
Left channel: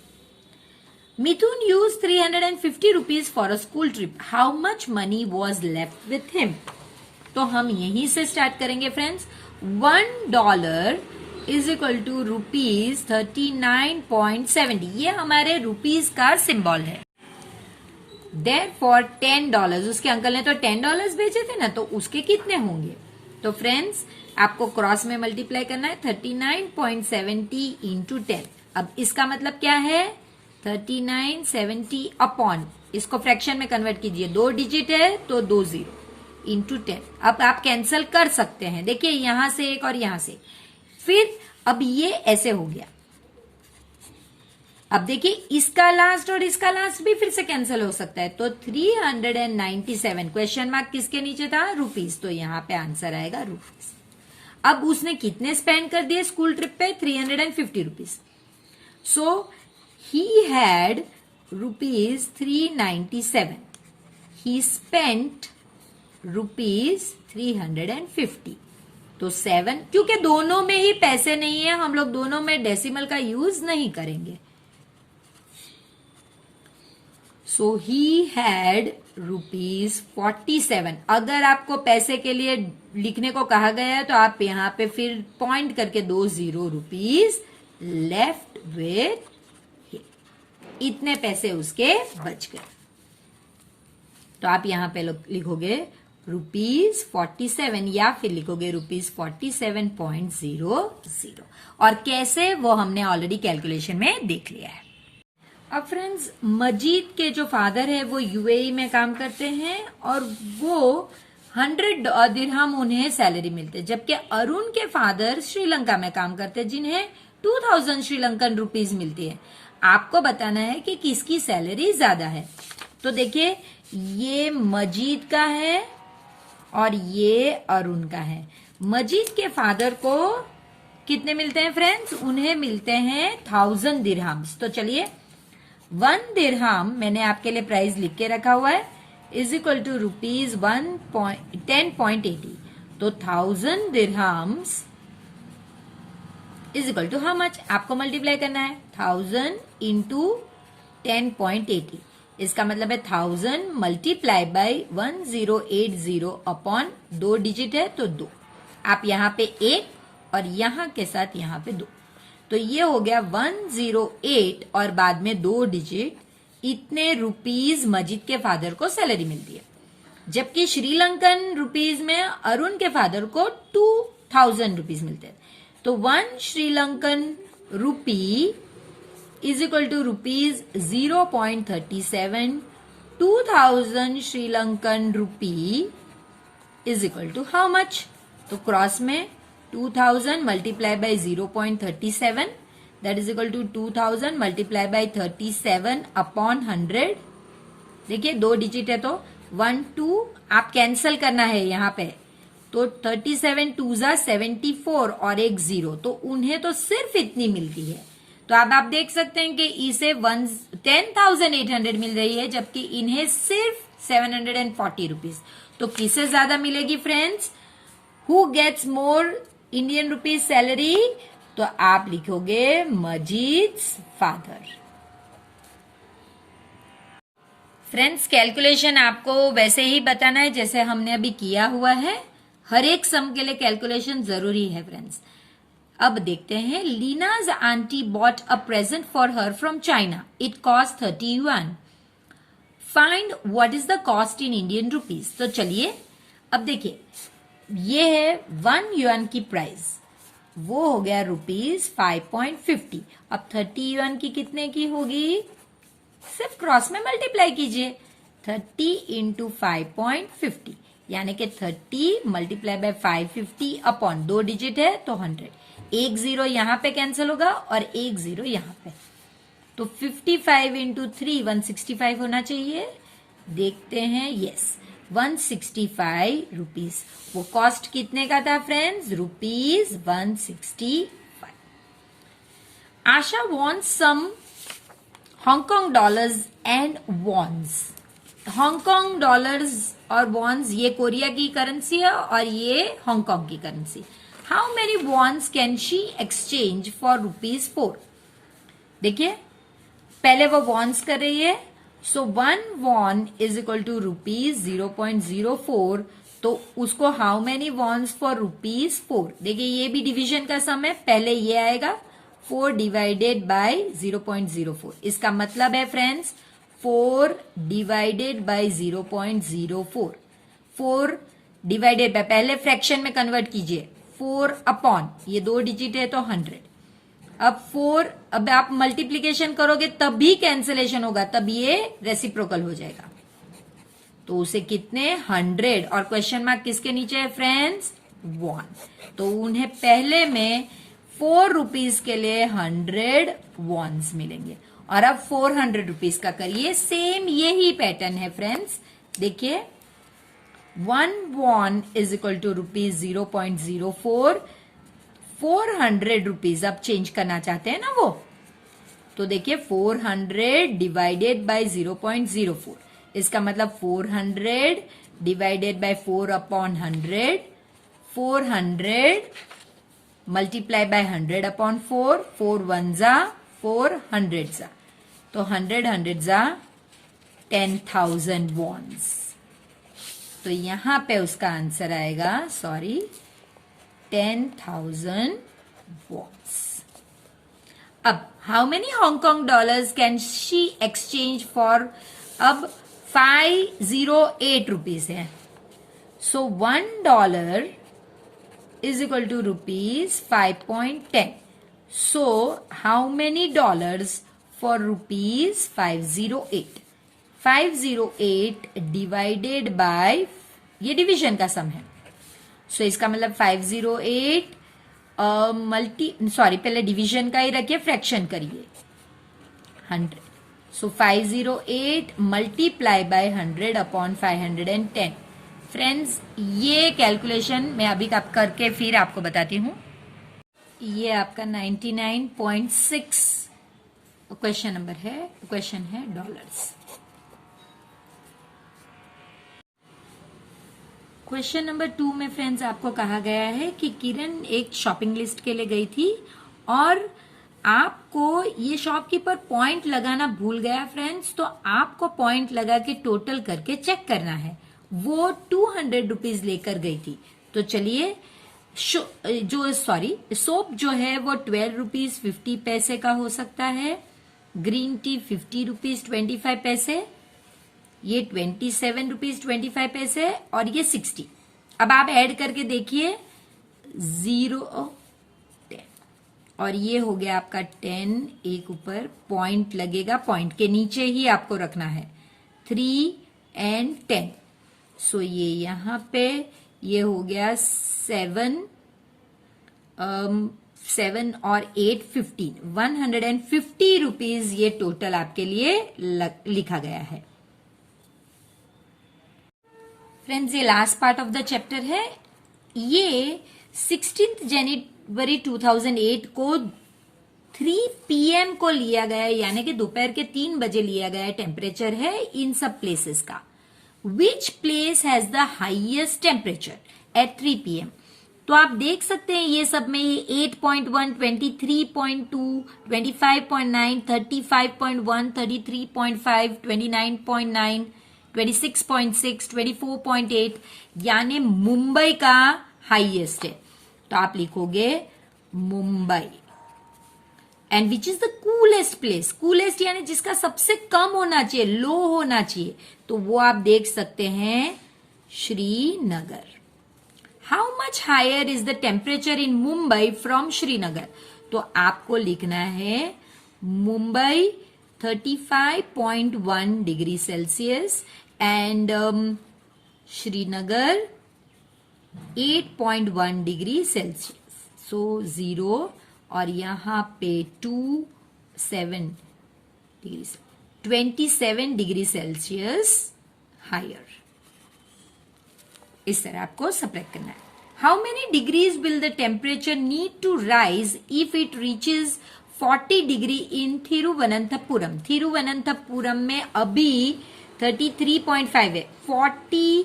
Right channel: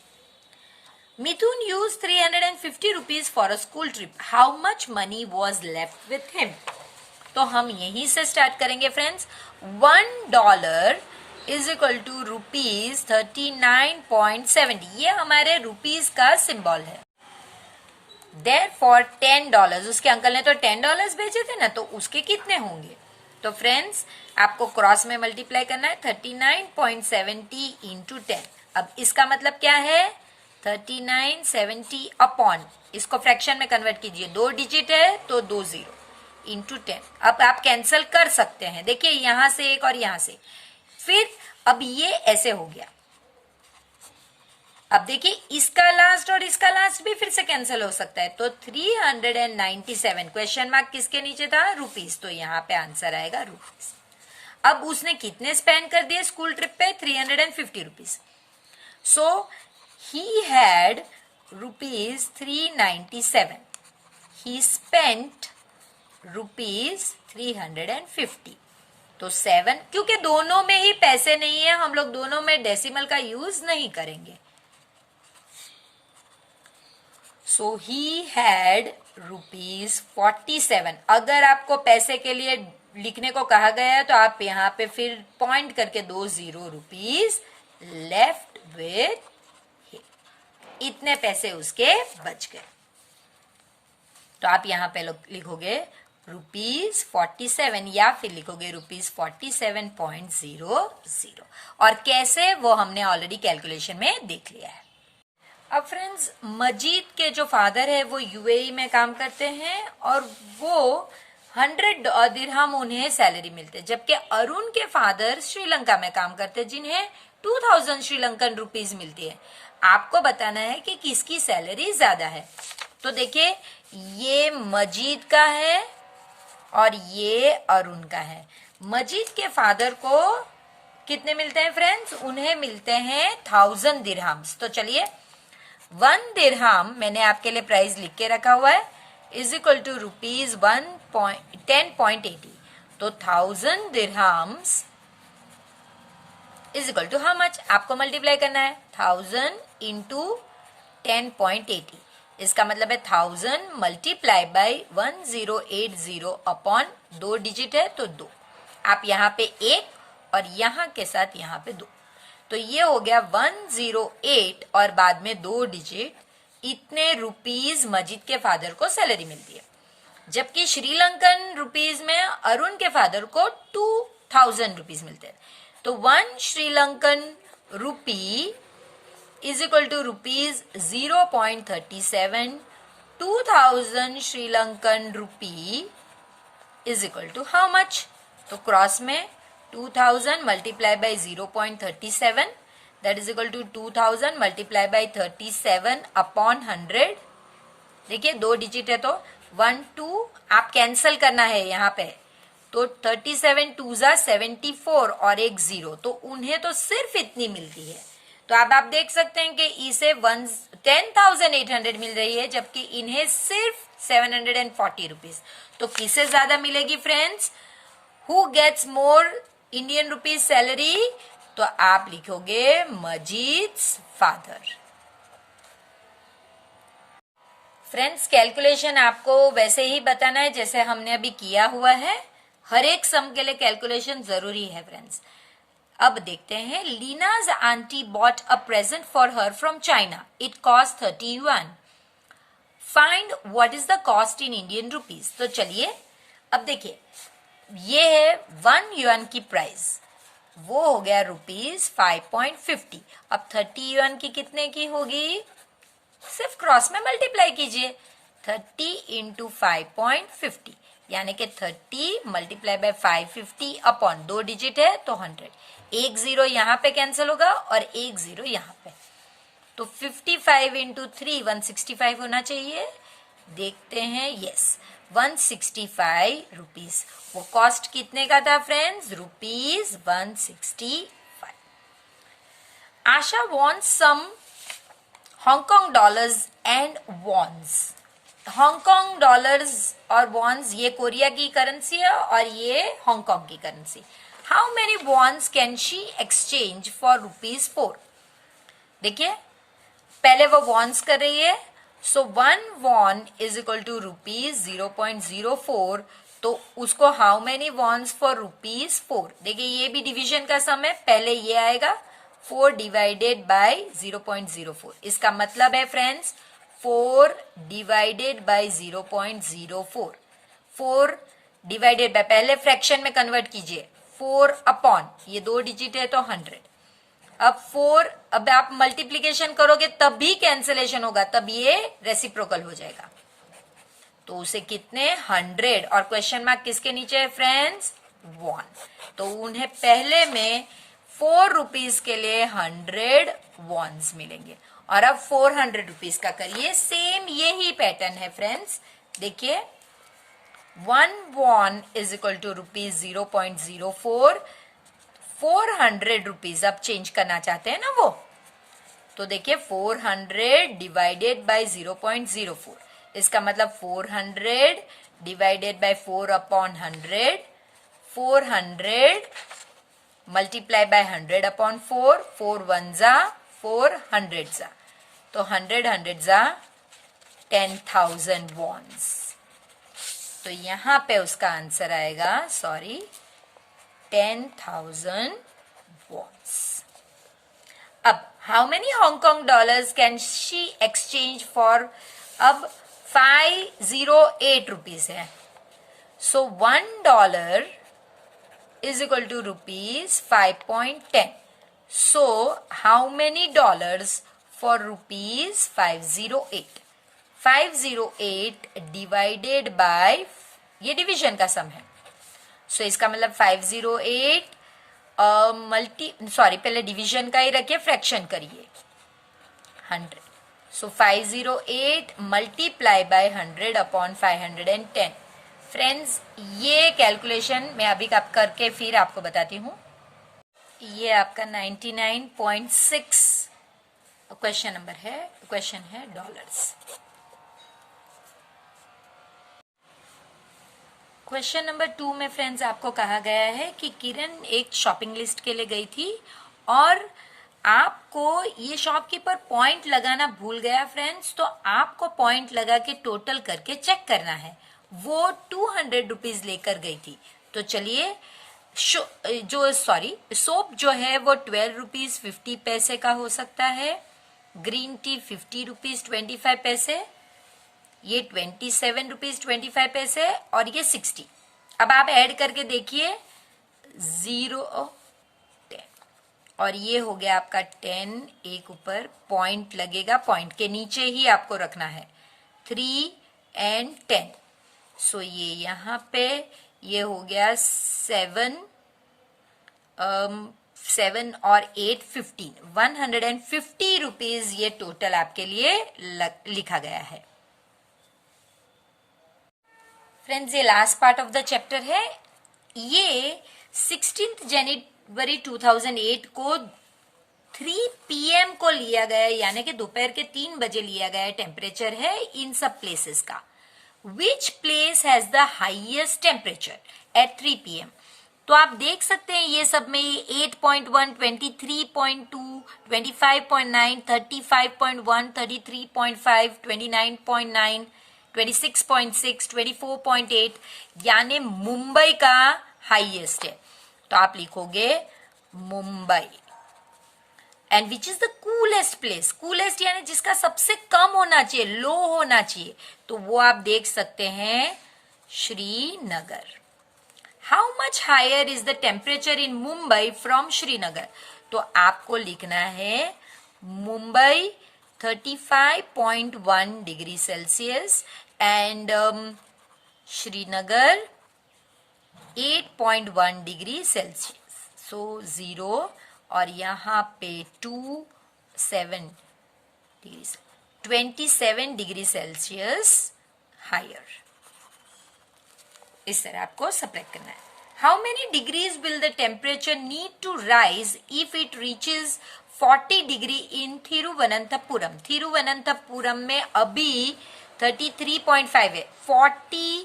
मिथुन used 350 rupees for a school trip। How much money was left with him? तो हम यहीं से स्टार्ट करेंगे friends. $1 is equal to rupees 39.70, ये हमारे रुपीज का सिंबल है। Therefore $10, उसके अंकल ने तो $10 भेजे थे ना, तो उसके कितने होंगे? तो फ्रेंड्स आपको क्रॉस में मल्टीप्लाई करना है 39.70 इंटू 10। अब इसका मतलब क्या है? 3970 अपॉन, इसको फ्रैक्शन में कन्वर्ट कीजिए, 2 डिजिट है तो 2 जीरो इंटू 10। अब आप कैंसिल कर सकते हैं, देखिए यहां से एक और यहां से, फिर अब ये ऐसे हो गया। अब देखिए इसका लास्ट और इसका लास्ट भी फिर से कैंसिल हो सकता है, तो 397, क्वेश्चन मार्क किसके नीचे था? रुपीज, तो यहाँ पे आंसर आएगा रुपीज। अब उसने कितने स्पेंड कर दिए स्कूल ट्रिप पे? 350 rupees. So he had rupees 397, he spent rupees 350। तो 7, क्योंकि दोनों में ही पैसे नहीं है, हम लोग दोनों में डेसिमल का यूज नहीं करेंगे। सो ही हैड रुपीज 47। अगर आपको पैसे के लिए लिखने को कहा गया है तो आप यहाँ पे फिर पॉइंट करके 20 रुपीज लेफ्ट विथ, इतने पैसे उसके बच गए। तो आप यहाँ पे लिखोगे रुपीज 47 या फिर लिखोगे रुपीज 47.00। और कैसे, वो हमने ऑलरेडी कैलकुलेशन में देख लिया है। अब फ्रेंड्स मजीद के जो फादर है वो यूएई में काम करते हैं और वो 100 दिरहम उन्हें सैलरी मिलते, जबकि अरुण के फादर श्रीलंका में काम करते हैं जिन्हें 2000 श्रीलंकन रुपीज मिलती है। आपको बताना है कि किसकी सैलरी ज्यादा है। तो देखिए ये मजीद का है और ये अरुण का है। मजीद के फादर को कितने मिलते हैं फ्रेंड्स? उन्हें मिलते हैं 1000 दिरहम्स। तो चलिए 1 दिरहम मैंने आपके लिए प्राइस लिख के रखा हुआ है, इज इक्वल टू रुपीज 10.80। तो 1000 dirhams is equal to how much? आपको मल्टीप्लाई करना है 1000 इंटू 10.80। इसका मतलब है 1000 मल्टीप्लाई बाय 1080 अपॉन 2 डिजिट है तो 2। आप यहाँ पे 1 और यहाँ के साथ यहाँ पे 2, तो ये हो गया 108 और बाद में 2 डिजिट। इतने रुपीज मजीद के फादर को सैलरी मिलती है, जबकि श्रीलंकन रुपीज में अरुण के फादर को 2000 रुपीज मिलते हैं। तो 1 Sri Lankan rupee is equal to rupees 0.37। 2000 Sri Lankan rupee is equal to how much? तो क्रॉस में 2000 multiply by 0.37, that is equal to 2000 multiply by 37 upon 100। देखिए 2 डिजिट है तो 1 2, आप कैंसल करना है यहाँ पे, तो 37 2 जा 74 और एक 0, तो उन्हें तो सिर्फ इतनी मिलती है। तो अब आप देख सकते हैं कि इसे 10,800 मिल रही है, जबकि इन्हें सिर्फ 740 रुपीज। तो किसे ज्यादा मिलेगी friends? Who gets more Indian rupees salary? तो आप लिखोगे मजीद्स फादर। फ्रेंड्स कैलकुलेशन आपको वैसे ही बताना है जैसे हमने अभी किया हुआ है। हर एक सम के लिए कैलकुलेशन जरूरी है फ्रेंड्स। अब देखते हैं, Leena's aunty bought a present for her from China, it cost 30 yuan। Find what is the cost in Indian rupees. तो चलिए अब देखिए, ये है 1 yuan की प्राइस, वो हो गया रुपीज 5.50। अब 30 yuan की कितने की होगी? सिर्फ क्रॉस में मल्टीप्लाई कीजिए, 30 इंटू 5.50 यानी कि 30 मल्टीप्लाई बाय 550 अपॉन 2 डिजिट है तो 100। एक 0 यहाँ पे कैंसिल होगा और एक 0 यहाँ पे, तो 55 इंटू 3 165 होना चाहिए। देखते हैं, यस 165 रुपीज। वो कॉस्ट कितने का था friends? Rupees 165। Asha wants some Hong Kong dollars and wons. Hong Kong dollars और वॉन्स ये कोरिया की करेंसी है और ये हांगकांग की currency. How many wons can she exchange for rupees 4? देखिए पहले वो वॉन्स कर रही है, so 1 won is equal to rupees 0.04। तो उसको how many wons for rupees 4? देखिए ये भी डिवीजन का सम है, पहले ये आएगा 4 डिवाइडेड बाय 0.04। इसका मतलब है friends 4 divided by 0.04। 4 divided by, पहले फ्रैक्शन में कन्वर्ट कीजिए, 4 अपॉन ये 2 डिजिट है तो 100। अब 4, अब आप मल्टीप्लीकेशन करोगे तब भी कैंसिलेशन होगा, तब ये रेसिप्रोकल हो जाएगा। तो उसे कितने 100, और क्वेश्चन मार्क किसके नीचे है फ्रेंड्स? 1। तो उन्हें पहले में 4 रुपीज के लिए 100 वॉन्स मिलेंगे। और अब 400 रुपीज का करिए, सेम यही पैटर्न है फ्रेंड्स। देखिए 1 won is equal to rupees 0.04। 400 rupees अब चेंज करना चाहते हैं ना वो, तो देखिए 400 डिवाइडेड बाय 0.04। इसका मतलब 400 divided by 4 upon 100। 400 multiply by 100 upon 4। 4 1 जा 4 100 जा, तो 100 जा 10,000 वॉन्स। तो यहां पे उसका आंसर आएगा, सॉरी 10,000 वॉन्स। अब how many Hong Kong dollars can she exchange for? अब 508 रुपीज है, so $1 is equal to rupees 5.10. So how many dollars for rupees 508? 508 divided by, ये डिवीजन का सम है, सो इसका मतलब 508 पहले डिवीजन का ही रखिए, फ्रैक्शन करिए 100। सो 508 मल्टीप्लाई बाय 100 अपॉन 510। फ्रेंड्स ये कैलकुलेशन मैं अभी आप करके फिर आपको बताती हूँ। ये आपका 99.6 क्वेश्चन नंबर है, क्वेश्चन है डॉलर्स। क्वेश्चन नंबर 2 में फ्रेंड्स आपको कहा गया है कि किरण एक शॉपिंग लिस्ट के लिए गई थी और आपको ये शॉपकीपर पॉइंट लगाना भूल गया फ्रेंड्स, तो आपको पॉइंट लगा के टोटल करके चेक करना है। वो 200 रुपीज लेकर गई थी, तो चलिए सोप जो है वो 12 रुपीज 50 पैसे का हो सकता है, ग्रीन टी 50 रुपीज 25 पैसे, ये 27 रुपीज 25 पैसे और ये 60। अब आप ऐड करके देखिए 0 10 और ये हो गया आपका 10। एक ऊपर पॉइंट लगेगा, पॉइंट के नीचे ही आपको रखना है 3 and 10। सो ये यहां पे ये हो गया 7 और 8 15, 150 रुपीज ये टोटल आपके लिए लिखा गया है। फ्रेंड्स ये last part of the chapter है। ये 16 जनवरी 2008 को 3 PM को लिया गया, यानी कि दोपहर के 3 बजे लिया गया टेम्परेचर है इन सब प्लेसेस का। Which place has the highest temperature at 3 PM? तो आप देख सकते हैं ये सब में 8.1, 23.2, 25.9, 35.1, 33.5, 29.9, 26.6, 24.8, यानी मुंबई का हाईएस्ट है। तो आप लिखोगे Mumbai. And which is the coolest place? Coolest यानी जिसका सबसे कम होना चाहिए, लो होना चाहिए, तो वो आप देख सकते हैं Srinagar. How much higher is the temperature in Mumbai from Srinagar? तो आपको लिखना है Mumbai 35.1 degree Celsius and Srinagar 8.1 degree Celsius. So 0 और यहाँ पे 2 7 डिग्री 27 डिग्री सेल्सियस हायर। इस तरह आपको सब्ट्रैक्ट करना है। How many degrees will the temperature need to rise if it reaches 40 degree in Thiruvananthapuram. Thiruvananthapuram में अभी 33.5 है। 40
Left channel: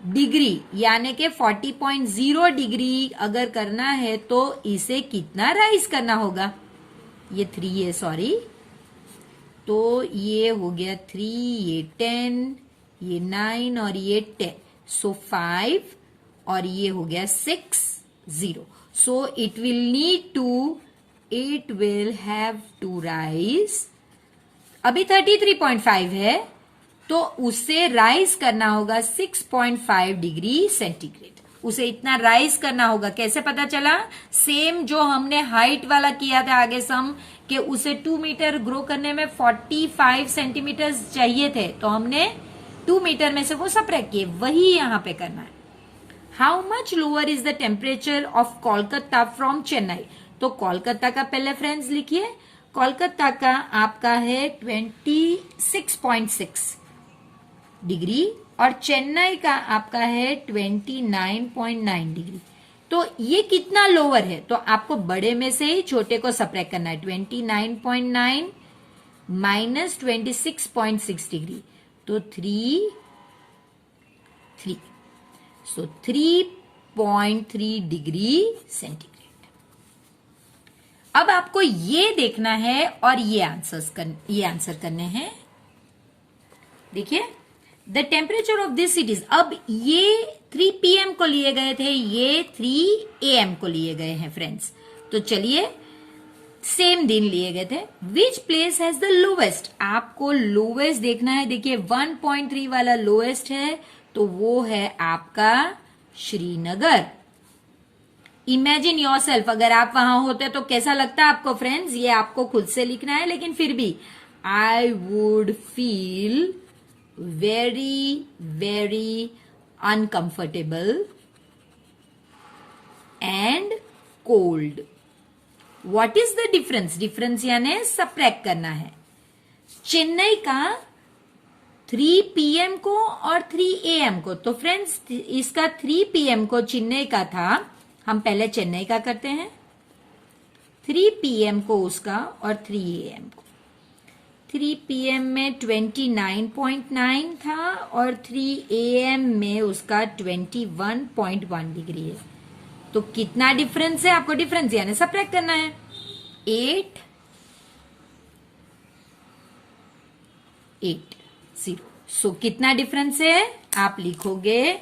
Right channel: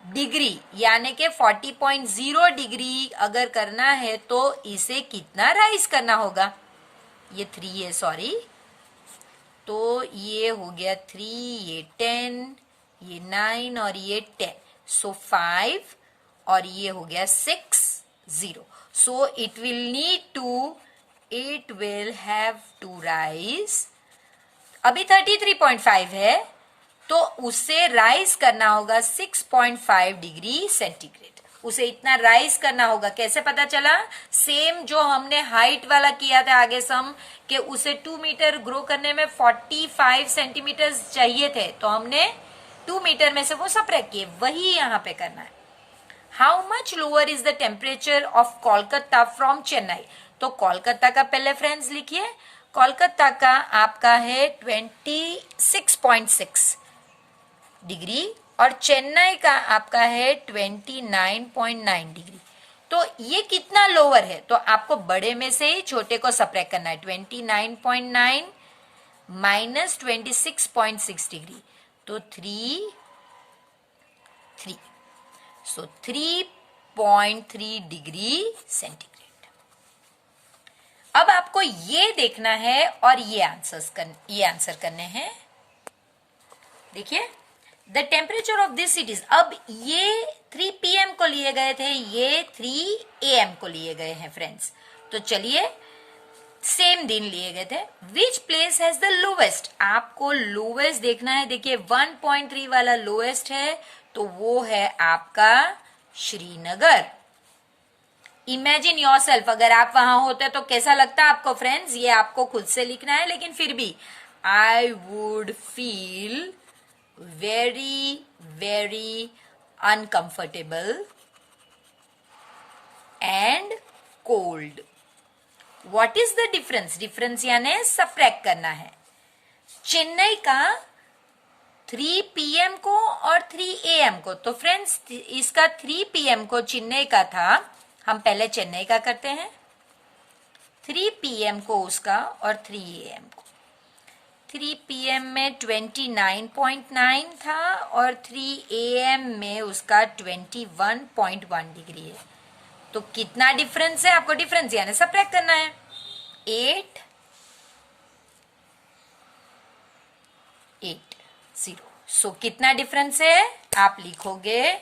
डिग्री यानी कि 40.0 डिग्री अगर करना है तो इसे कितना राइज करना होगा? ये 3 है, सॉरी, तो ये हो गया 3, ये 10, ये 9 और ये 10, सो 5 और ये हो गया 6, 0। So it will have to rise. अभी 33.5 है तो उसे राइज करना होगा 6.5 डिग्री सेंटीग्रेड। उसे इतना राइज करना होगा। कैसे पता चला? सेम जो हमने हाइट वाला किया था आगे सम कि उसे 2 मीटर ग्रो करने में 45 सेंटीमीटर चाहिए थे, तो हमने 2 मीटर में से वो सब्ट्रैक्ट किए, वही यहाँ पे करना है। How much lower is the temperature of Kolkata from Chennai? तो कोलकाता का पहले फ्रेंड्स लिखिए। कोलकाता का आपका है 26.6 डिग्री और चेन्नई का आपका है 29.9 डिग्री। तो ये कितना लोअर है? तो आपको बड़े में से ही छोटे को सब्ट्रैक्ट करना है। 29.9 माइनस 26.6 डिग्री, तो 3, सो 3.3 डिग्री सेंटीग्रेड। अब आपको ये देखना है और ये आंसर करने हैं। देखिए, the temperature of this cities. अब ये 3 PM को लिए गए थे, ये 3 AM को लिए गए हैं फ्रेंड्स। तो चलिए, सेम दिन लिए गए थे। Which place has the lowest? आपको लोवेस्ट देखना है। देखिए 1.3 वाला लोवेस्ट है, तो वो है आपका श्रीनगर। इमेजिन योरसेल्फ, अगर आप वहां होते तो कैसा लगता आपको फ्रेंड्स? ये आपको खुद से लिखना है, लेकिन फिर भी I would feel very, very uncomfortable and cold. What is the difference? Difference यानी सब्ट्रैक्ट करना है। चेन्नई का 3 PM को और 3 AM को, तो फ्रेंड्स इसका 3 PM को चेन्नई का था, हम पहले चेन्नई का करते हैं। 3 PM को उसका और 3 AM को। 3 PM में 29.9 था और 3 AM में उसका 21.1 डिग्री है। तो कितना डिफरेंस है? आपको डिफरेंस यानी सब्ट्रैक्ट करना है। 8, 0। सो कितना डिफरेंस है? आप लिखोगे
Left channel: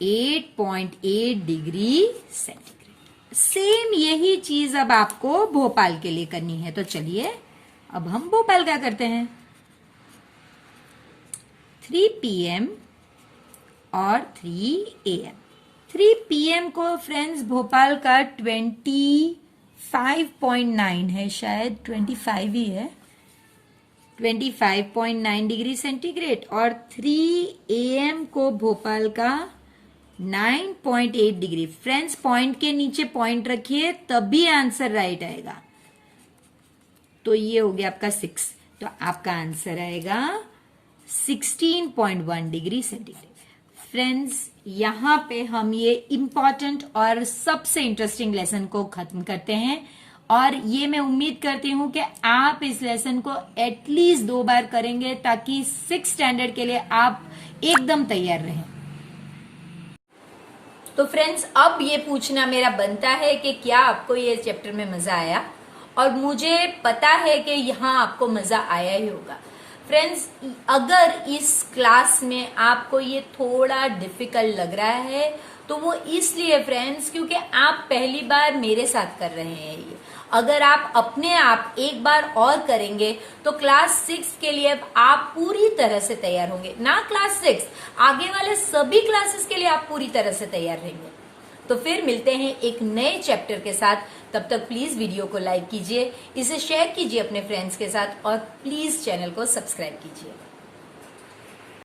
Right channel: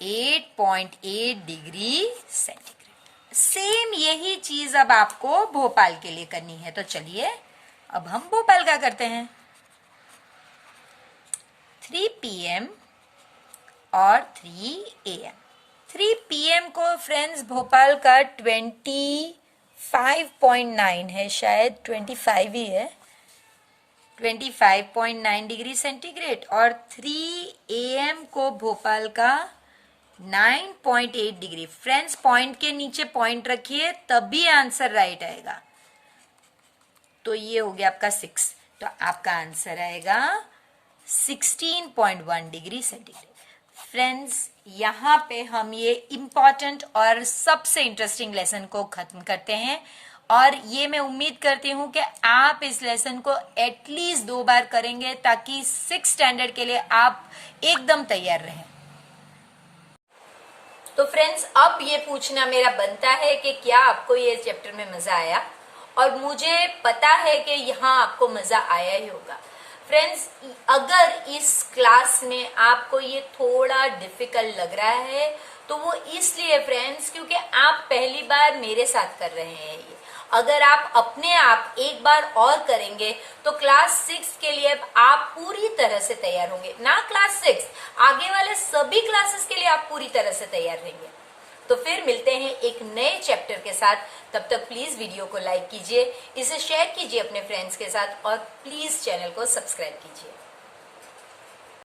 8.8 डिग्री सेंटीग्रेड। सेम यही चीज अब आपको भोपाल के लिए करनी है। तो चलिए अब हम भोपाल का करते हैं। 3 PM और 3 AM। 3 PM को फ्रेंड्स भोपाल का 25.9 है, शायद 25 ही है, 25.9 डिग्री सेंटीग्रेड। और 3 AM को भोपाल का 9.8 डिग्री। फ्रेंड्स पॉइंट के नीचे पॉइंट रखिए, तभी आंसर राइट आएगा। तो ये हो गया आपका 6, तो आपका आंसर आएगा 16.1 डिग्री सेंटीग्रेड। फ्रेंड्स यहाँ पे हम ये इम्पॉर्टेंट और सबसे इंटरेस्टिंग लेसन को खत्म करते हैं, और ये मैं उम्मीद करती हूँ कि आप इस लेसन को एटलीस्ट 2 बार करेंगे ताकि 6th स्टैंडर्ड के लिए आप एकदम तैयार रहें। तो फ्रेंड्स अब ये पूछना मेरा बनता है कि क्या आपको ये चैप्टर में मजा आया, और मुझे पता है कि यहाँ आपको मजा आया ही होगा। फ्रेंड्स अगर इस क्लास में आपको ये थोड़ा डिफिकल्ट लग रहा है तो वो इसलिए फ्रेंड्स क्योंकि आप पहली बार मेरे साथ कर रहे हैं ये। अगर आप अपने आप एक बार और करेंगे तो क्लास 6 के लिए आप पूरी तरह से तैयार होंगे। ना क्लास 6, आगे वाले सभी क्लासेस के लिए आप पूरी तरह से तैयार रहेंगे। तो फिर मिलते हैं एक नए चैप्टर के साथ। तब तक प्लीज वीडियो को लाइक कीजिए, इसे शेयर कीजिए अपने फ्रेंड्स के साथ, और प्लीज चैनल को सब्सक्राइब कीजिए।